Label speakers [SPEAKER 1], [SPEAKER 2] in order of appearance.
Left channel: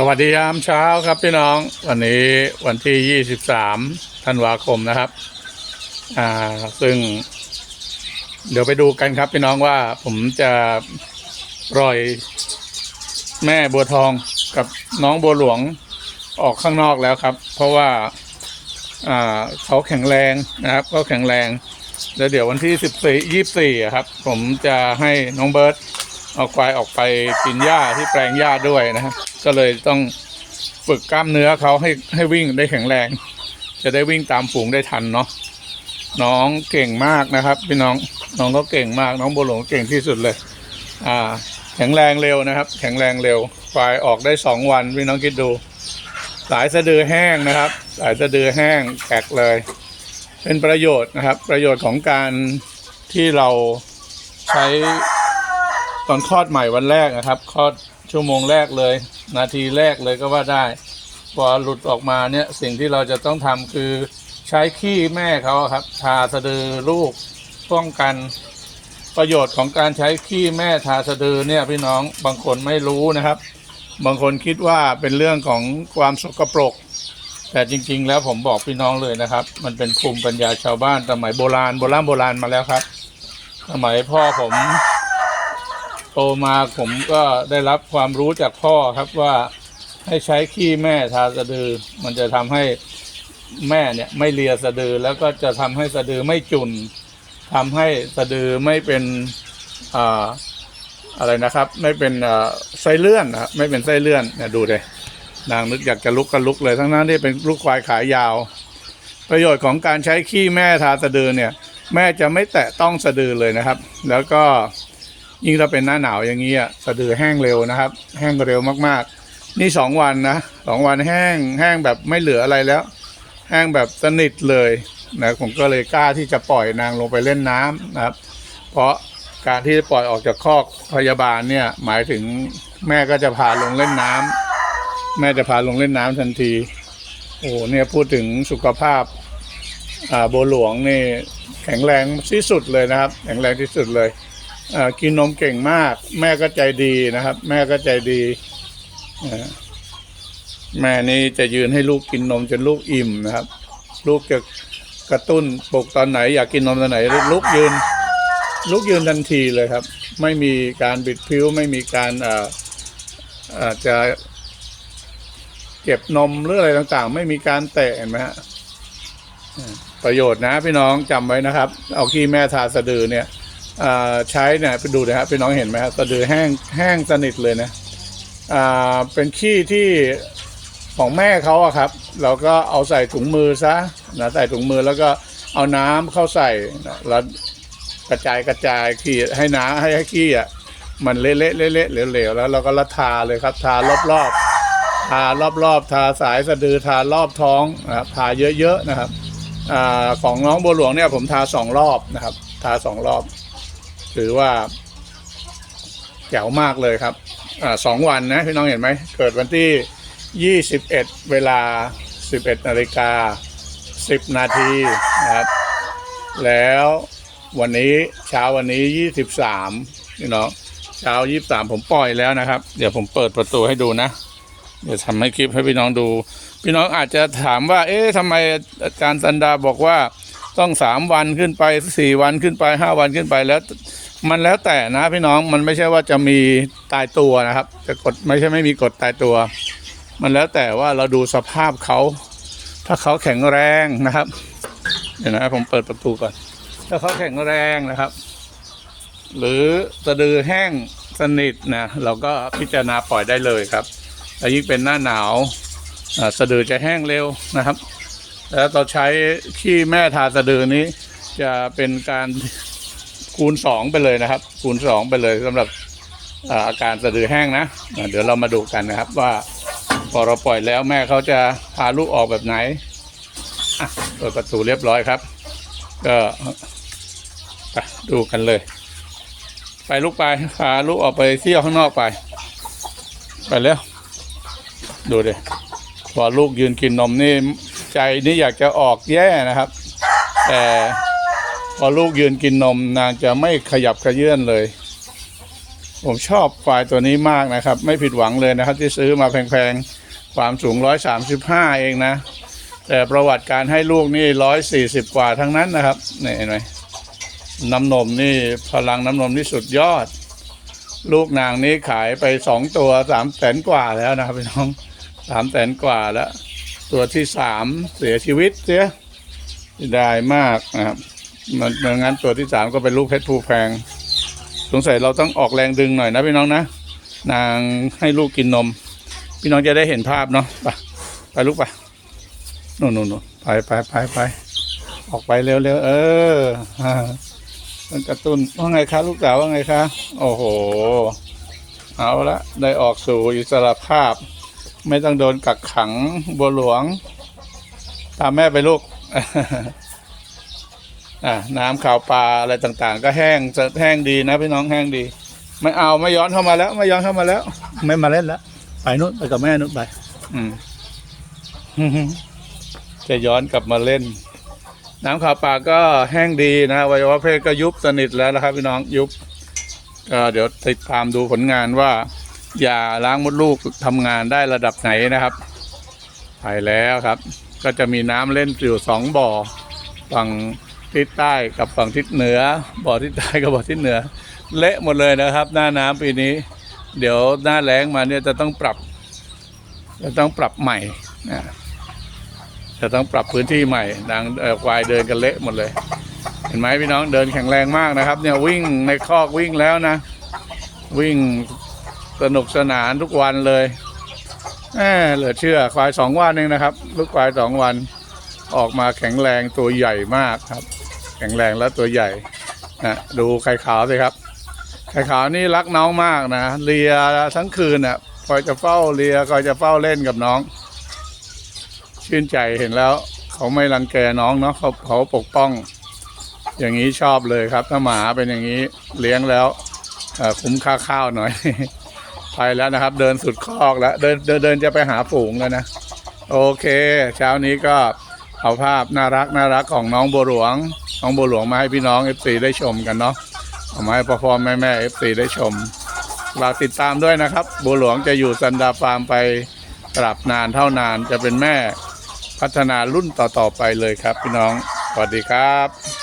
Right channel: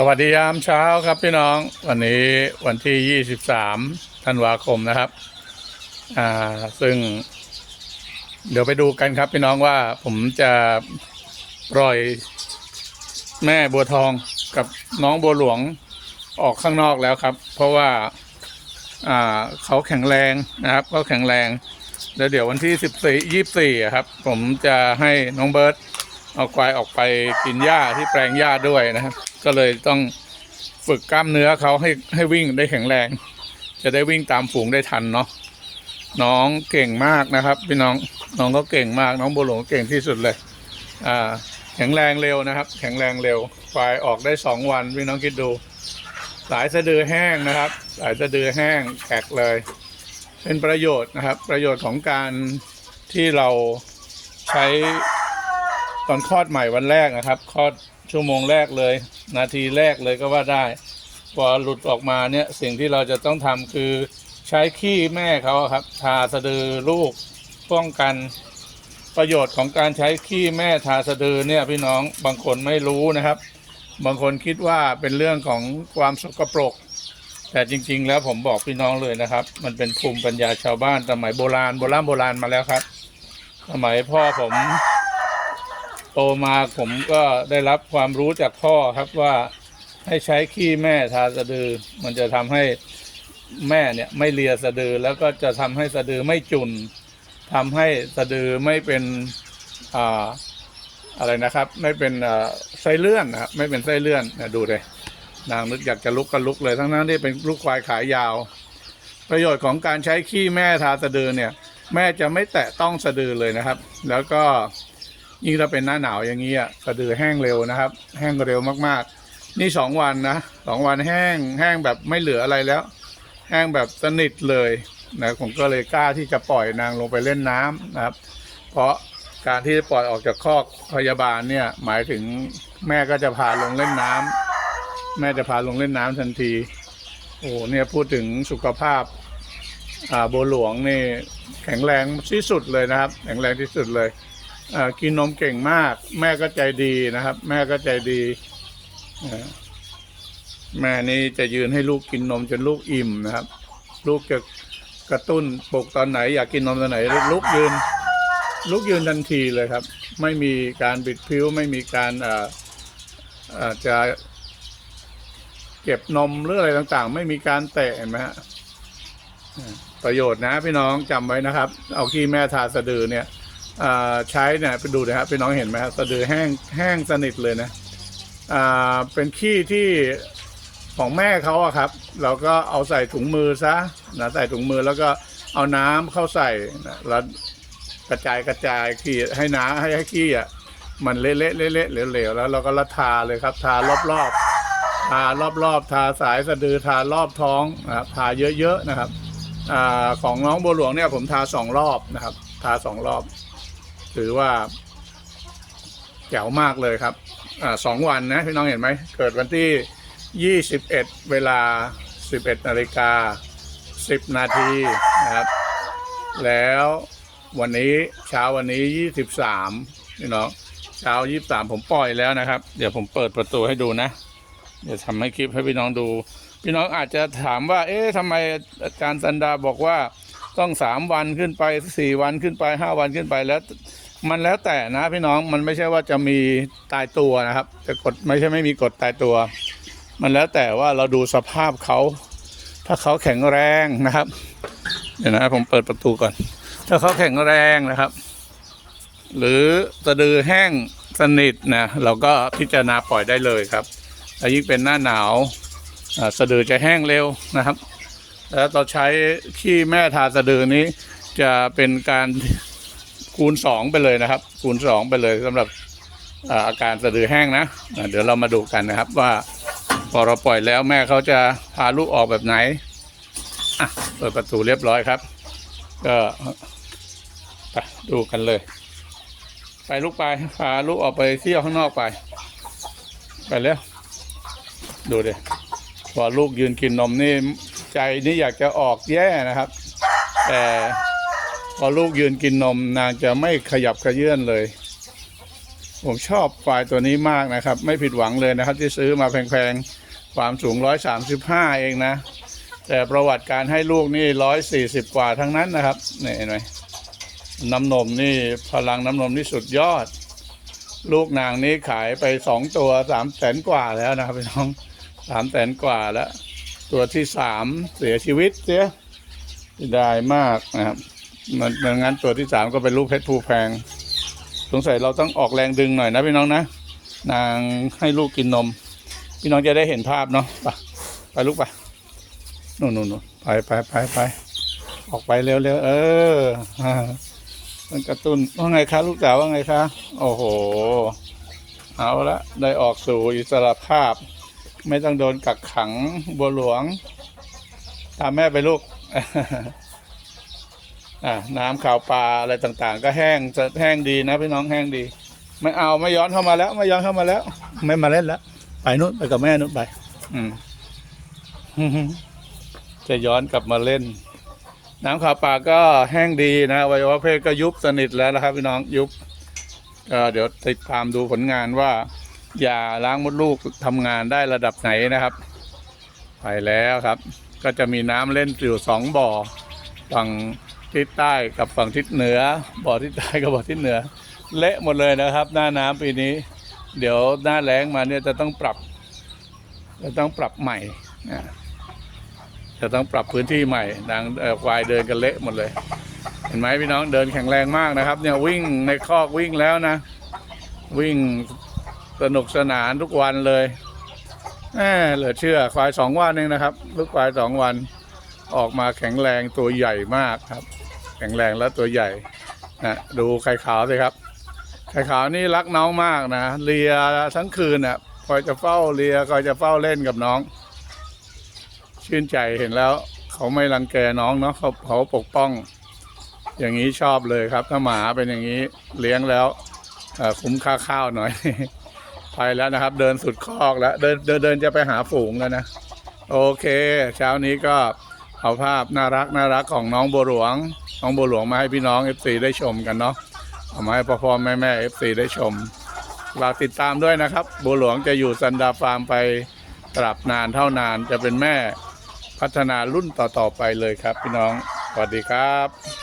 [SPEAKER 1] สวัสดียามเช้าครับพี่น้อง วันนี้วันที่ 23ธันวาคมนะครับ อ่า ซึ่ง เดี๋ยวไปดูกันครับพี่น้องว่าผมจะปล่อยแม่บัวทองกับน้องบัวหลวงออกข้างนอกแล้วครับ เพราะว่า อ่าเขาแข็งแรงนะครับเขาแข็งแรง แล้วเดี๋ยววันที่สิบสี่ยี่สี่ครับ ผมจะให้น้องเบิร์ต เอาควายออกไปกินหญ้าที่แปลงหญ้าด้วยนะครับ ก็เลยต้องฝึกกล้ามเนื้อเขาให้ให้วิ่งได้แข็งแรง จะได้วิ่งตามฝูงได้ทันเนาะน้องเก่งมากนะครับ พี่น้องน้องก็เก่งมากน้องบัวหลงเก่งที่สุดเลย อ่า แข็งแรงเร็วนะครับ แข็งแรงเร็วควายออกได้สองวันพี่น้องคิดดูสายสะดือแห้งนะครับสายสะดือแห้งแขกเลย เป็นประโยชน์นะครับ ประโยชน์ของการที่เราใช้ ตอนคลอดใหม่วันแรกนะครับคลอดชั่วโมงแรกเลย นาทีแรกเลยก็ว่าได้ พอหลุดออกมาเนี่ยสิ่งที่เราจะต้องทำคือใช้ขี้แม่เขาครับทาสะดือลูกป้องกันประโยชน์ของการใช้ขี้แม่ทาสะดือเนี่ยพี่น้องบางคนไม่รู้นะครับ บางคนคิดว่าเป็นเรื่องของความสกปรก แต่จริง ๆ แล้วผมบอกพี่น้องเลยนะครับ มันเป็นภูมิปัญญาชาวบ้านสมัยโบราณโบราณโบราณมาแล้วครับ สมัยพ่อผม โตมาผมก็ได้รับความรู้จากพ่อครับว่าให้ใช้ขี้แม่ทาสะดือ มันจะทำให้แม่เนี่ยไม่เลียสะดือแล้วก็จะทำให้สะดือไม่จุนทำให้สะดือไม่เป็นอ่าอะไรนะครับ ไม่เป็นอ่าไส้เลื่อนนะครับไม่เป็นไส้เลื่อนเนี่ยดูเลยนางนึกอยากจะลุกก็ลุกเลย ทั้งนั้นที่เป็นลูกควายขายาว ประโยชน์ของการใช้ขี้แม่ทาสะดือเนี่ย แม่จะไม่แตะต้องสะดือเลยนะครับ แล้วก็ ยิ่งถ้าเป็นหน้าหนาวอย่างนี้อะสะดือแห้งเร็วนะครับ แห้งเร็วมากๆ นี่สองวันนะสองวันแห้งแห้งแบบไม่เหลืออะไรแล้ว แห้งแบบสนิทเลยนะผมก็เลยกล้าที่จะปล่อยนางลงไปเล่นน้ำนะครับ เพราะการที่ปล่อยออกจากคอกพยาบาลเนี่ยหมายถึงแม่ก็จะพาลงเล่นน้ำแม่จะพาลงเล่นน้ำทันที โอ้เนี่ยพูดถึงสุขภาพอ่าโบหลวงนี่แข็งแรงที่สุดเลยนะครับ แข็งแรงที่สุดเลย กินนมเก่งมาก แม่ก็ใจดีนะครับ แม่ก็ใจดีแม่นี่จะยืนให้ลูกกินนมจนลูกอิ่มนะครับ ลูกจะกระตุ้นปลุกตอนไหน อยากกินนมตอนไหนลูกยืน ลูกยืนทันทีเลยครับ ไม่มีการบิดพิ้วไม่มีการอาจจะเก็บนมหรืออะไรต่างๆ ไม่มีการแตะเห็นไหมฮะประโยชน์นะพี่น้องจำไว้นะครับ เอาขี้แม่ทาสะดือเนี่ย ใช้เนี่ยไปดูนะครับพี่น้องเห็นไหมครับสะดือแห้งแห้งสนิทเลยนะอ่าเป็นขี้ที่ของแม่เขาอะครับ เราก็เอาใส่ถุงมือซะนะใส่ถุงมือแล้วก็เอาน้ำเข้าใส่แล้วกระจายกระจายขี้ให้น้ำให้ขี้อะมันเละๆเละๆเหลวๆแล้วเราก็ละทาเลยครับ ทารอบๆทารอบๆทาสายสะดือทารอบท้องนะครับทาเยอะๆนะครับอของน้องบัวหลวงเนี่ยผมทาสองรอบนะครับ ทาสองรอบ ถือว่าแจ๋วมากเลยครับอสองวันนะพี่น้องเห็นไหม เกิดวันที่ 21 เวลา 11นาฬิกา 10 นาทีนะครับ แล้ววันนี้เช้าวันนี้ 23พี่น้องเช้า 23 ผมปล่อยแล้วนะครับ เดี๋ยวผมเปิดประตูให้ดูนะ เดี๋ยวทำให้คลิปให้พี่น้องดู พี่น้องอาจจะถามว่า เอ๊ะทำไมอาจารย์สันดาบอกว่า ต้องสามวันขึ้นไปสี่วันขึ้นไปห้าวันขึ้นไปแล้ว มันแล้วแต่นะพี่น้องมันไม่ใช่ว่าจะมีตายตัวนะครับจะกดไม่ใช่ไม่มีกฎตายตัว มันแล้วแต่ว่าเราดูสภาพเขาถ้าเขาแข็งแรงนะครับ เดี๋ยวนะผมเปิดประตูก่อน ถ้าเขาแข็งแรงนะครับ หรือสะดือแห้งสนิทนะเราก็พิจารณาปล่อยได้เลยครับและยิ่งเป็นหน้าหนาวสะดือจะแห้งเร็วนะครับ แล้วเราใช้ขี้แม่ทาสะดือนี้ จะเป็นการคูณสองไปเลยนะครับ คูณสองไปเลยสำหรับอาการสะดือแห้งนะ เดี๋ยวเรามาดูกันนะครับว่าพอเราปล่อยแล้วแม่เขาจะพาลูกออกแบบไหนอะเปิดประตูเรียบร้อยครับ ก็ดูกันเลย ไปลูกไปพาลูกออกไปเที่ยวข้างนอกไป ไปเร็วดูดิพอลูกยืนกินนมนี่ ใจนี่อยากจะออกแย่นะครับ แต่พอลูกยืนกินนมนางจะไม่ขยับขยื่นเลย ผมชอบควายตัวนี้มากนะครับ ไม่ผิดหวังเลยนะครับ ที่ซื้อมาแพงๆ ความสูง 135 เองนะ แต่ประวัติการให้ลูกนี่ 140 กว่าทั้งนั้นนะครับนี่เห็นไหมน้ำนมนี่พลังน้ำนมนี่สุดยอด ลูกนางนี้ขายไปสองตัวสามแสนกว่าแล้วนะครับพี่น้องสามแสนกว่าแล้ว ตัวที่สามเสียชีวิตเสียได้มากนะครับมันเหมือนงั้นตัวที่สามก็เป็นลูกเพชรภูแพงสงสัยเราต้องออกแรงดึงหน่อยนะพี่น้องนะนางให้ลูกกินนม พี่น้องจะได้เห็นภาพเนาะไปไปลูกไปนู่นนู่นนู่นไปไปไปไปออกไปเร็วเร็วเออมันกระตุ้นว่าไงคะลูกสาวว่าไงคะโอ้โห เอาละได้ออกสู่อิสระภาพ ไม่ต้องโดนกักขังบัวหลวง ตามแม่ไปลูกอะน้ำข่าวปลาอะไรต่างๆ ก็แห้งจะแห้งดีนะพี่น้องแห้งดี ไม่เอาไม่ย้อนเข้ามาแล้ว ไม่ย้อนเข้ามาแล้ว ไม่มาเล่นแล้วไปนู้นไปกับแม่นู้นไป อืมจะย้อนกลับมาเล่น น้ำข่าวปลาก็แห้งดีนะอวัยวะเพศก็ยุบสนิทแล้วนะครับ พี่น้องยุบก็เดี๋ยวติดตามดูผลงานว่า ยาล้างมดลูกทำงานได้ระดับไหนนะครับไปแล้วครับ ก็จะมีน้ำเล่นอยู่สองบ่อ ฝั่งทิศใต้กับฝั่งทิศเหนือ บ่อทิศใต้กับบ่อทิศเหนือ เละหมดเลยนะครับ หน้าน้ำปีนี้ เดี๋ยวหน้าแล้งมาเนี่ยจะต้องปรับ จะต้องปรับใหม่นะจะต้องปรับพื้นที่ใหม่ดังควายเดินกันเละหมดเลย เห็นไหมพี่น้องเดินแข็งแรงมากนะครับ เนี่ยวิ่งในคอกวิ่งแล้วนะ วิ่ง สนุกสนานทุกวันเลยเหลือเชื่อควายสองวันเองนะครับ ลูกควายสองวันออกมาแข็งแรงตัวใหญ่มากครับ แข็งแรงและตัวใหญ่นะดูไข่ขาวสิครับ ไข่ขาวนี่รักน้องมากนะเลียทั้งคืนอะคอยจะเฝ้าเลียคอยจะเฝ้าเล่นกับน้อง ชื่นใจเห็นแล้ว เขาไม่รังแกน้องเนาะเขาเขาปกป้อง อย่างนี้ชอบเลยครับถ้าหมาเป็นอย่างนี้เลี้ยงแล้วคุ้มค่าข้าวหน่อย ไปแล้วนะครับ เดินสุดคอกแล้ว เดินเดินเดินจะไปหาฝูงแล้วนะ โอเค เช้านี้ก็เอาภาพน่ารักน่ารักของน้องบัวหลวง น้องบัวหลวงมาให้พี่น้องเอฟซีได้ชมกันเนาะเอามาให้พ่อพ่อแม่แม่เอฟซีได้ชมฝากติดตามด้วยนะครับ บัวหลวงจะอยู่ซันดาฟาร์มไปตราบนานเท่านานจะเป็นแม่พัฒนารุ่นต่อๆไปเลยครับพี่น้อง สวัสดีครับ